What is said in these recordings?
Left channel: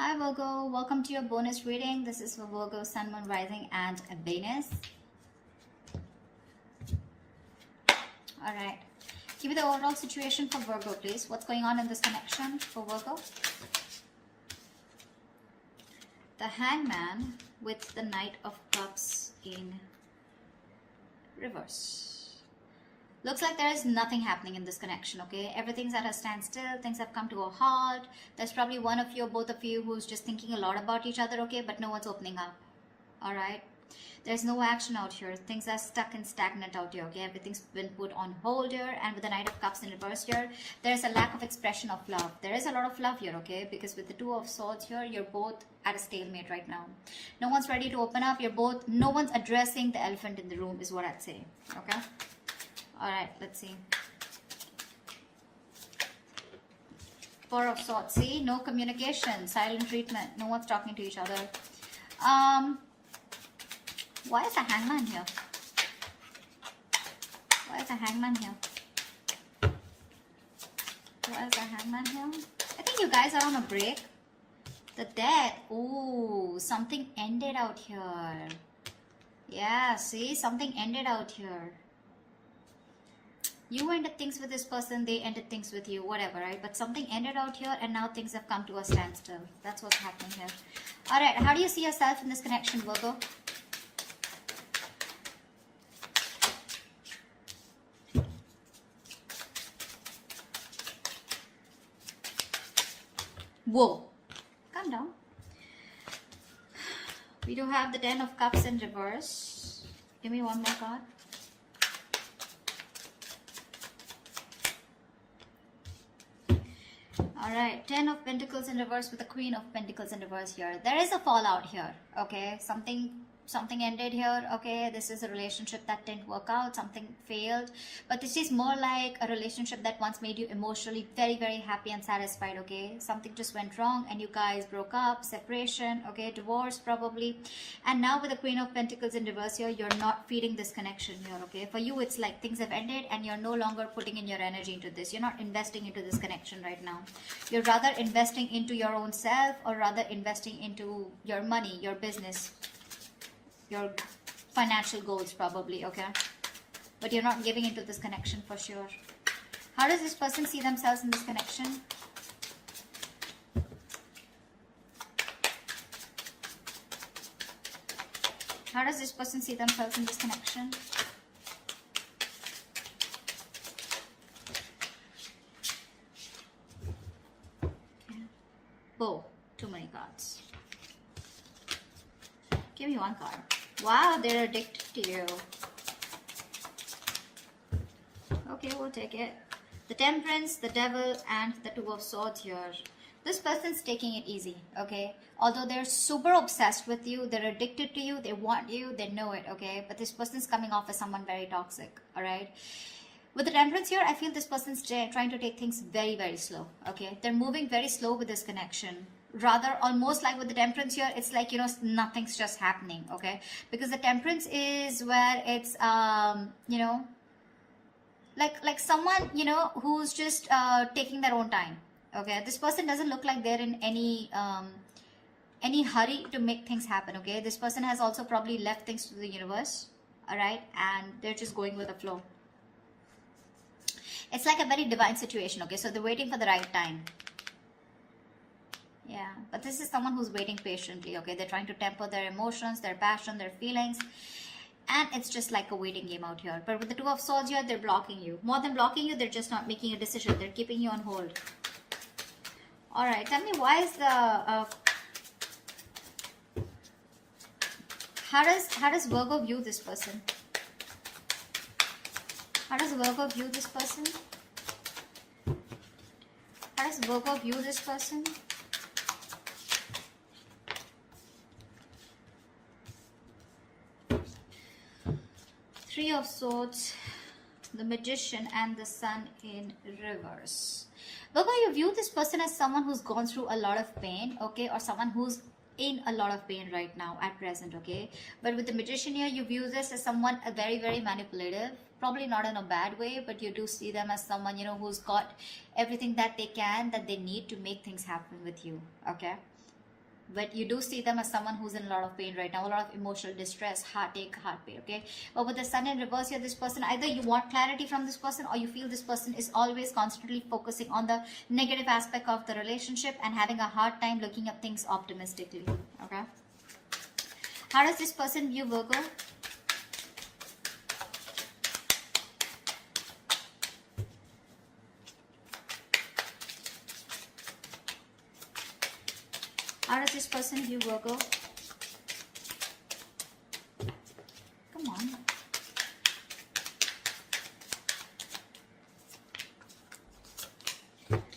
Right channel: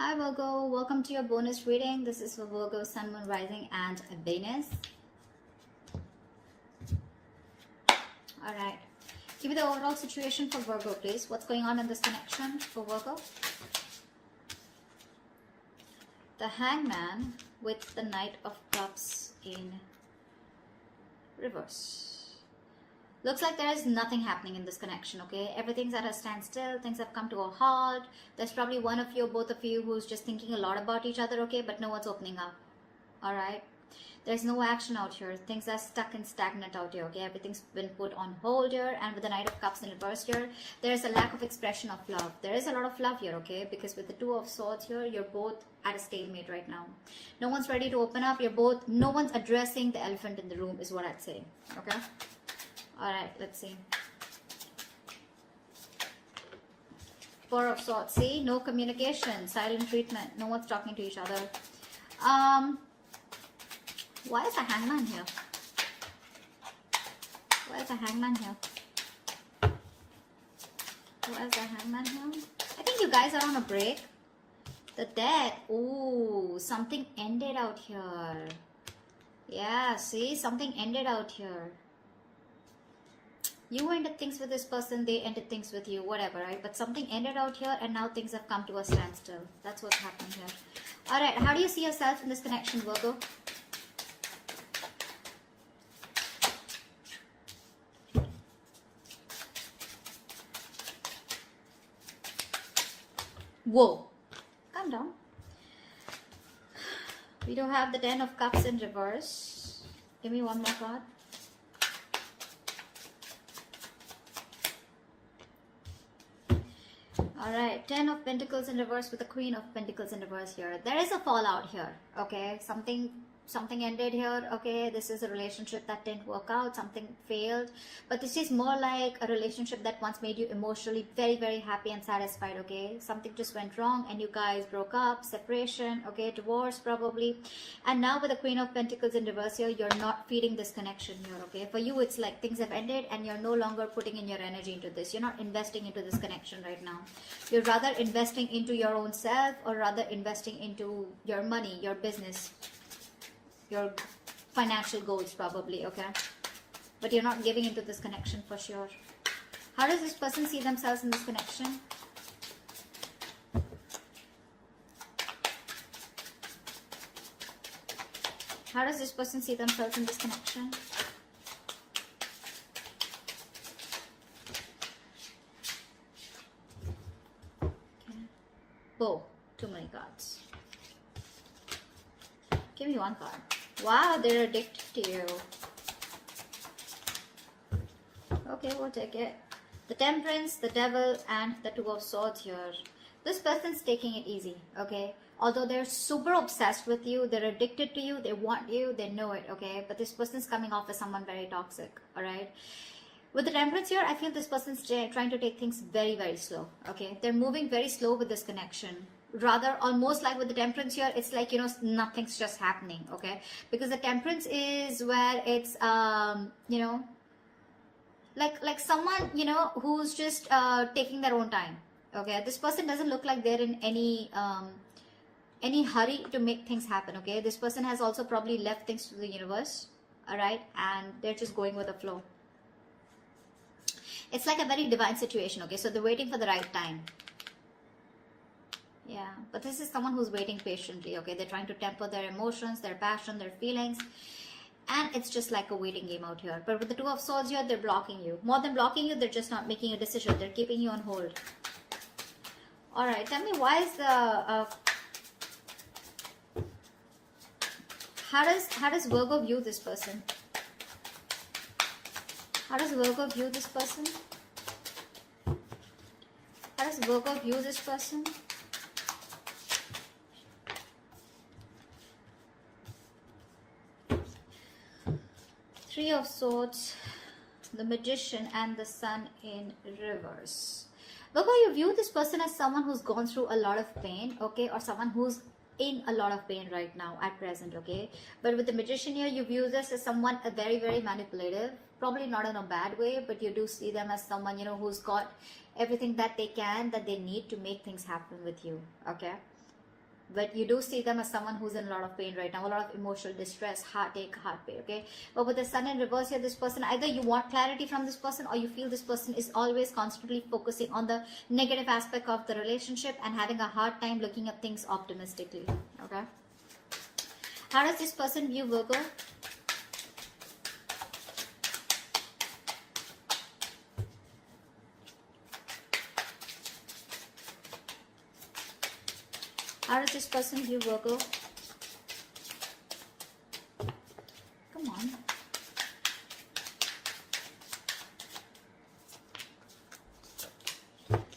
Hi Virgo, welcome to your bonus reading. This is for Virgo, Sun, Moon, Rising and Venus. Alright, give me the overall situation for Virgo please. What's going on in this connection for Virgo? The Hangman with the Knight of Cups in reverse. Looks like there is nothing happening in this connection, okay? Everything's at a standstill. Things have come to a halt. There's probably one of you, both of you, who's just thinking a lot about each other, okay? But no one's opening up, all right? There's no action out here. Things are stuck and stagnant out here, okay? Everything's been put on hold here. And with the Knight of Cups in reverse here, there's a lack of expression of love. There is a lot of love here, okay? Because with the Two of Swords here, you're both at a stalemate right now. No one's ready to open up. No one's addressing the elephant in the room is what I'd say, okay? Alright, let's see. Four of Swords. See, no communication, silent treatment. No one's talking to each other. Why is the Hangman here? Why is the Hangman here? Why is the Hangman here? I think you guys are on a break. The Dead. Ooh, something ended out here. Yeah, see, something ended out here. You ended things with this person, they ended things with you, whatever, right? But something ended out here and now things have come to a standstill. That's what's happening here. Alright, how do you see yourself in this connection, Virgo? Whoa. Calm down. We do have the Ten of Cups in reverse. Give me one more card. Alright, Ten of Pentacles in reverse with the Queen of Pentacles in reverse here. There is a fallout here, okay? Something ended here, okay? This is a relationship that didn't work out, something failed. But this is more like a relationship that once made you emotionally very, very happy and satisfied, okay? Something just went wrong and you guys broke up, separation, okay? Divorce probably. And now with the Queen of Pentacles in reverse here, you're not feeding this connection here, okay? For you, it's like things have ended and you're no longer putting in your energy into this. You're not investing into this connection right now. You're rather investing into your own self or rather investing into your money, your business, your financial goals probably, okay? But you're not giving into this connection for sure. How does this person see themselves in this connection? How does this person see themselves in this connection? Whoa, too many cards. Give me one card. Wow, they're addicted to you. Okay, we'll take it. The Temperance, the Devil, and the Two of Swords here. This person's taking it easy, okay? Although they're super obsessed with you, they're addicted to you, they want you, they know it, okay? But this person's coming off as someone very toxic, alright? With the Temperance here, I feel this person's trying to take things very, very slow, okay? They're moving very slow with this connection. Rather, almost like with the Temperance here, it's like, you know, nothing's just happening, okay? Because the Temperance is where it's, you know, like someone, you know, who's just taking their own time, okay? This person doesn't look like they're in any hurry to make things happen, okay? This person has also probably left things to the universe, all right? And they're just going with the flow. It's like a very divine situation, okay? So they're waiting for the right time. Yeah, but this is someone who's waiting patiently, okay? They're trying to temper their emotions, their passion, their feelings. And it's just like a waiting game out here. But with the Two of Swords here, they're blocking you. More than blocking you, they're just not making a decision. They're keeping you on hold. Alright, tell me why is the... How does Virgo view this person? How does Virgo view this person? How does Virgo view this person? Three of Swords, the Magician, and the Sun in reverse. Virgo, you view this person as someone who's gone through a lot of pain, okay? Or someone who's in a lot of pain right now at present, okay? But with the Magician here, you view this as someone very, very manipulative. Probably not in a bad way, but you do see them as someone, you know, who's got everything that they need to make things happen with you, okay? but you do see them as someone who's in a lot of pain right now, a lot of emotional distress, heartache, heart pain, okay? But with the sun in reverse here, this person, either you want clarity from this person, or you feel this person is always constantly focusing on the negative aspect of the relationship and having a hard time looking at things optimistically, okay? How does this person view Virgo? How does this person view Virgo? Come on.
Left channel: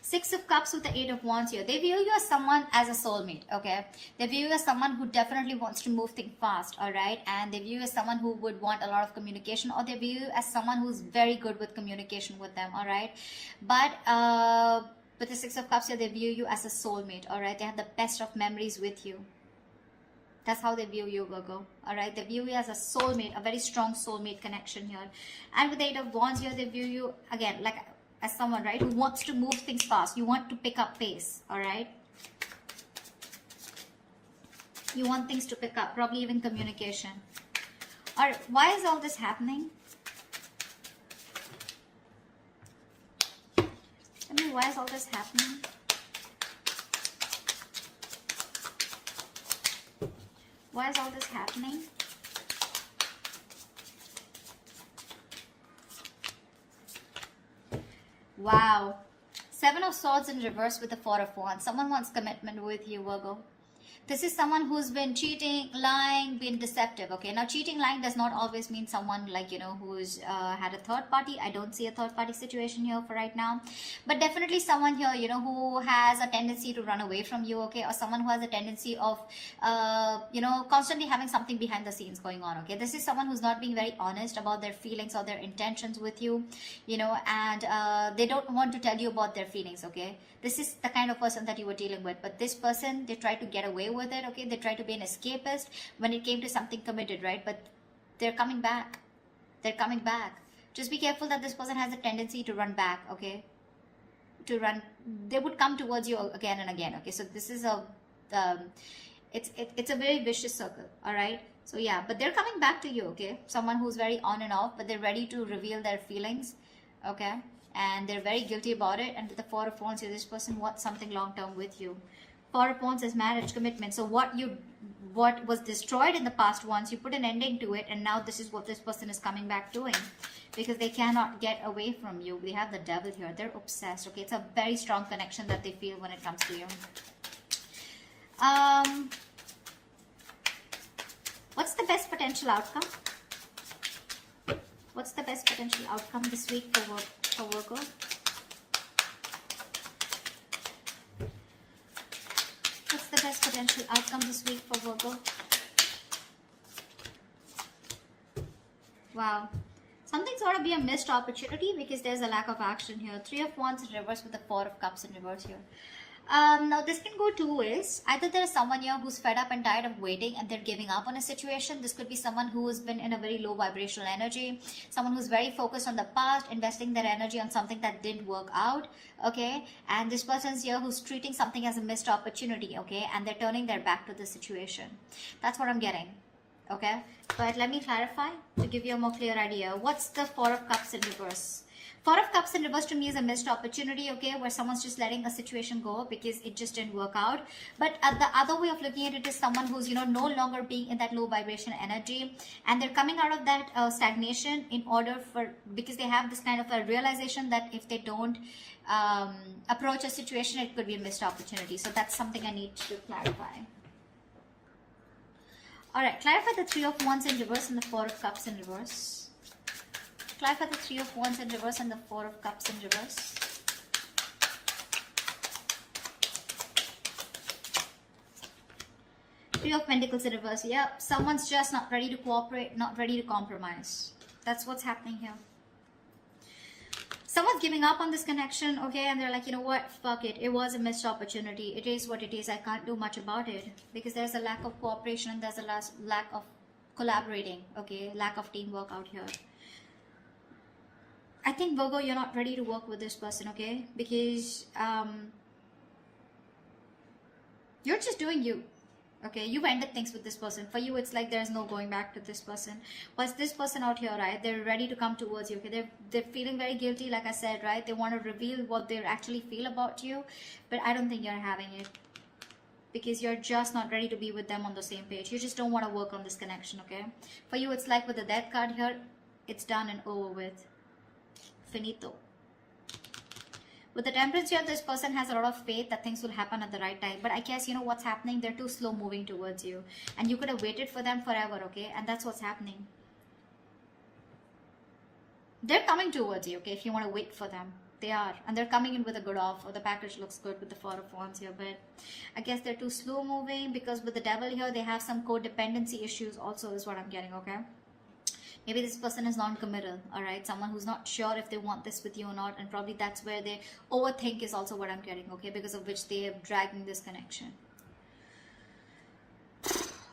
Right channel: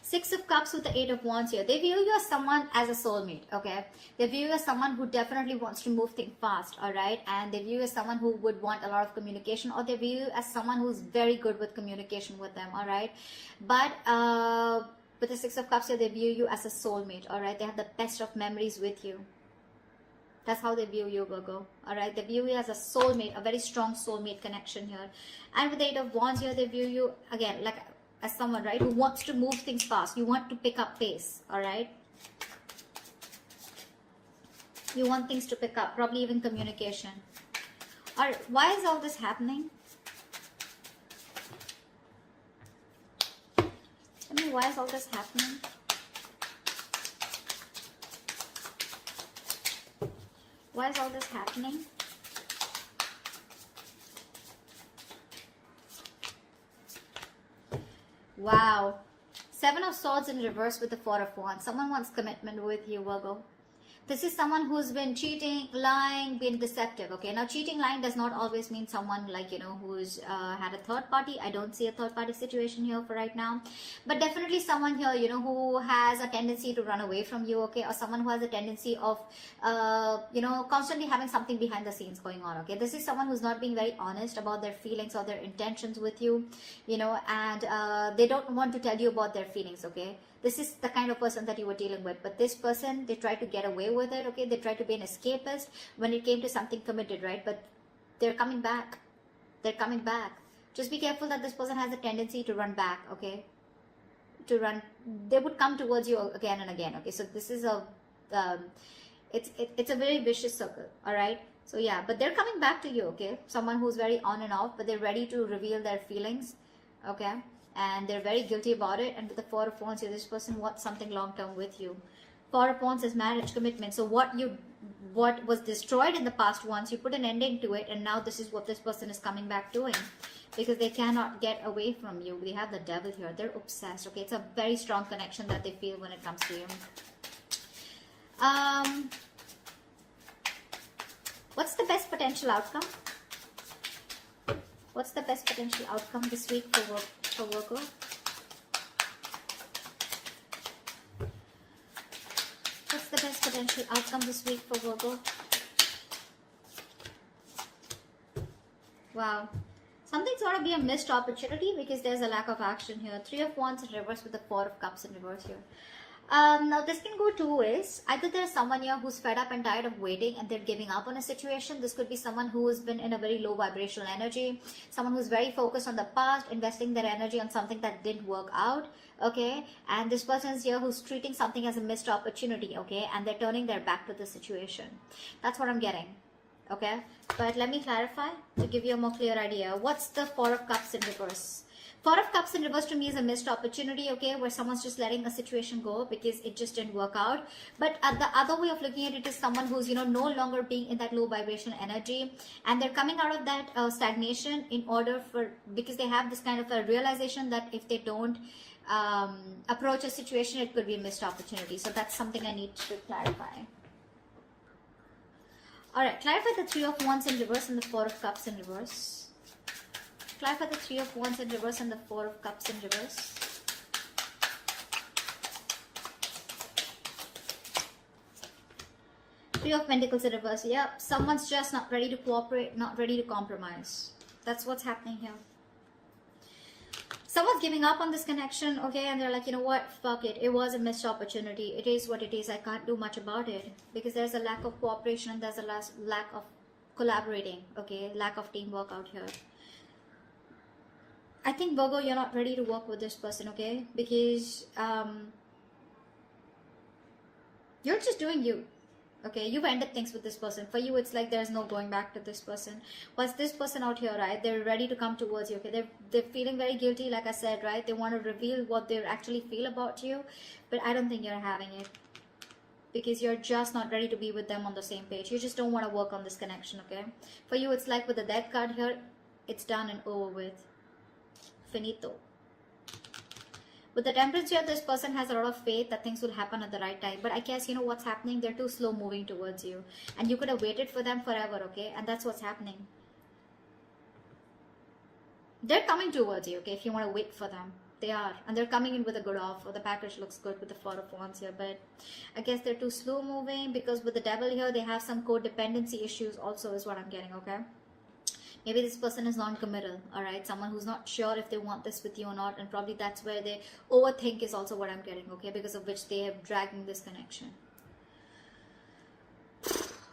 Six of Cups with the Eight of Wands here. They view you as someone as a soulmate, okay? They view you as someone who definitely wants to move things fast, all right? And they view you as someone who would want a lot of communication, or they view you as someone who's very good with communication with them, all right? But with the Six of Cups here, they view you as a soulmate, all right? They have the best of memories with you. That's how they view you, Virgo, all right? They view you as a soulmate, a very strong soulmate connection here. And with the Eight of Wands here, they view you, again, like as someone, right, who wants to move things fast. You want to pick up pace, all right? You want things to pick up, probably even communication. All right, why is all this happening? Tell me, why is all this happening? Why is all this happening? Wow. Seven of Swords in reverse with the Four of Wands. Someone wants commitment with you, Virgo. This is someone who's been cheating, lying, been deceptive, okay? Now, cheating, lying does not always mean someone like, you know, who's had a third party. I don't see a third party situation here for right now. But definitely someone here, you know, who has a tendency to run away from you, okay? Or someone who has a tendency of, you know, constantly having something behind the scenes going on, okay? This is someone who's not being very honest about their feelings or their intentions with you, you know, and they don't want to tell you about their feelings, okay? This is the kind of person that you were dealing with. But this person, they try to get away with it, okay? They try to be an escapist when it came to something committed, right? But they're coming back. They're coming back. Just be careful that this person has a tendency to run back, okay? To run. They would come towards you again and again, okay? So this is a, it's a very vicious circle, all right? So yeah, but they're coming back to you, okay? Someone who's very on and off, but they're ready to reveal their feelings, okay? And they're very guilty about it. And with the Four of Wands here, this person wants something long-term with you. Four of Wands is marriage, commitment. So what was destroyed in the past once, you put an ending to it, and now this is what this person is coming back doing, because they cannot get away from you. We have the Devil here. They're obsessed, okay? It's a very strong connection that they feel when it comes to you. What's the best potential outcome? What's the best potential outcome this week for Virgo? What's the best potential outcome this week for Virgo? Wow. Something's got to be a missed opportunity because there's a lack of action here. Three of Wands in reverse with the Four of Cups in reverse here. Now this can go two ways. Either there's someone here who's fed up and tired of waiting and they're giving up on a situation. This could be someone who's been in a very low vibrational energy, someone who's very focused on the past, investing their energy on something that didn't work out, okay? And this person's here who's treating something as a missed opportunity, okay? And they're turning their back to the situation. That's what I'm getting, okay? But let me clarify to give you a more clear idea. What's the Four of Cups in reverse? Four of Cups in reverse to me is a missed opportunity, okay, where someone's just letting a situation go because it just didn't work out. But the other way of looking at it is someone who's, you know, no longer being in that low vibration energy, and they're coming out of that stagnation in order for, because they have this kind of a realization that if they don't approach a situation, it could be a missed opportunity. So that's something I need to clarify. All right, clarify the Three of Wands in reverse and the Four of Cups in reverse. Clarify the Three of Wands in reverse and the Four of Cups in reverse. Three of Pentacles in reverse. Yep, someone's just not ready to cooperate, not ready to compromise. That's what's happening here. Someone's giving up on this connection, okay, and they're like, you know what, fuck it. It was a missed opportunity. It is what it is. I can't do much about it because there's a lack of cooperation and there's a lack of collaborating, okay, lack of teamwork out here. I think, Virgo, you're not ready to work with this person, okay? Because you're just doing you. Okay, you've ended things with this person. For you, it's like there's no going back to this person. What's this person out here, right? They're ready to come towards you. Okay, they're feeling very guilty, like I said, right? They want to reveal what they actually feel about you, but I don't think you're having it, because you're just not ready to be with them on the same page. You just don't want to work on this connection. Okay, for you, it's like with the Death card here, it's done and over with. Finito. With the Temperance here, this person has a lot of faith that things will happen at the right time. But I guess, you know what's happening? They're too slow moving towards you. And you could have waited for them forever, okay? And that's what's happening. They're coming towards you, okay? If you want to wait for them. They are. And they're coming in with a good offer. The package looks good with the Four of Wands here. But I guess they're too slow moving, because with the Devil here, they have some codependency issues also, is what I'm getting, okay? Maybe this person is non-committal, all right? Someone who's not sure if they want this with you or not, and probably that's where they overthink is also what I'm getting, okay? Because of which they are dragging this connection.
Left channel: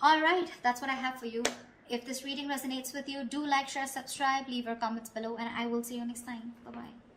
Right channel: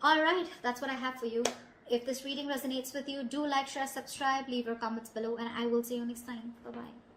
All right, that's what I have for you. If this reading resonates with you, do like, share, subscribe, leave your comments below, and I will see you next time. Bye-bye.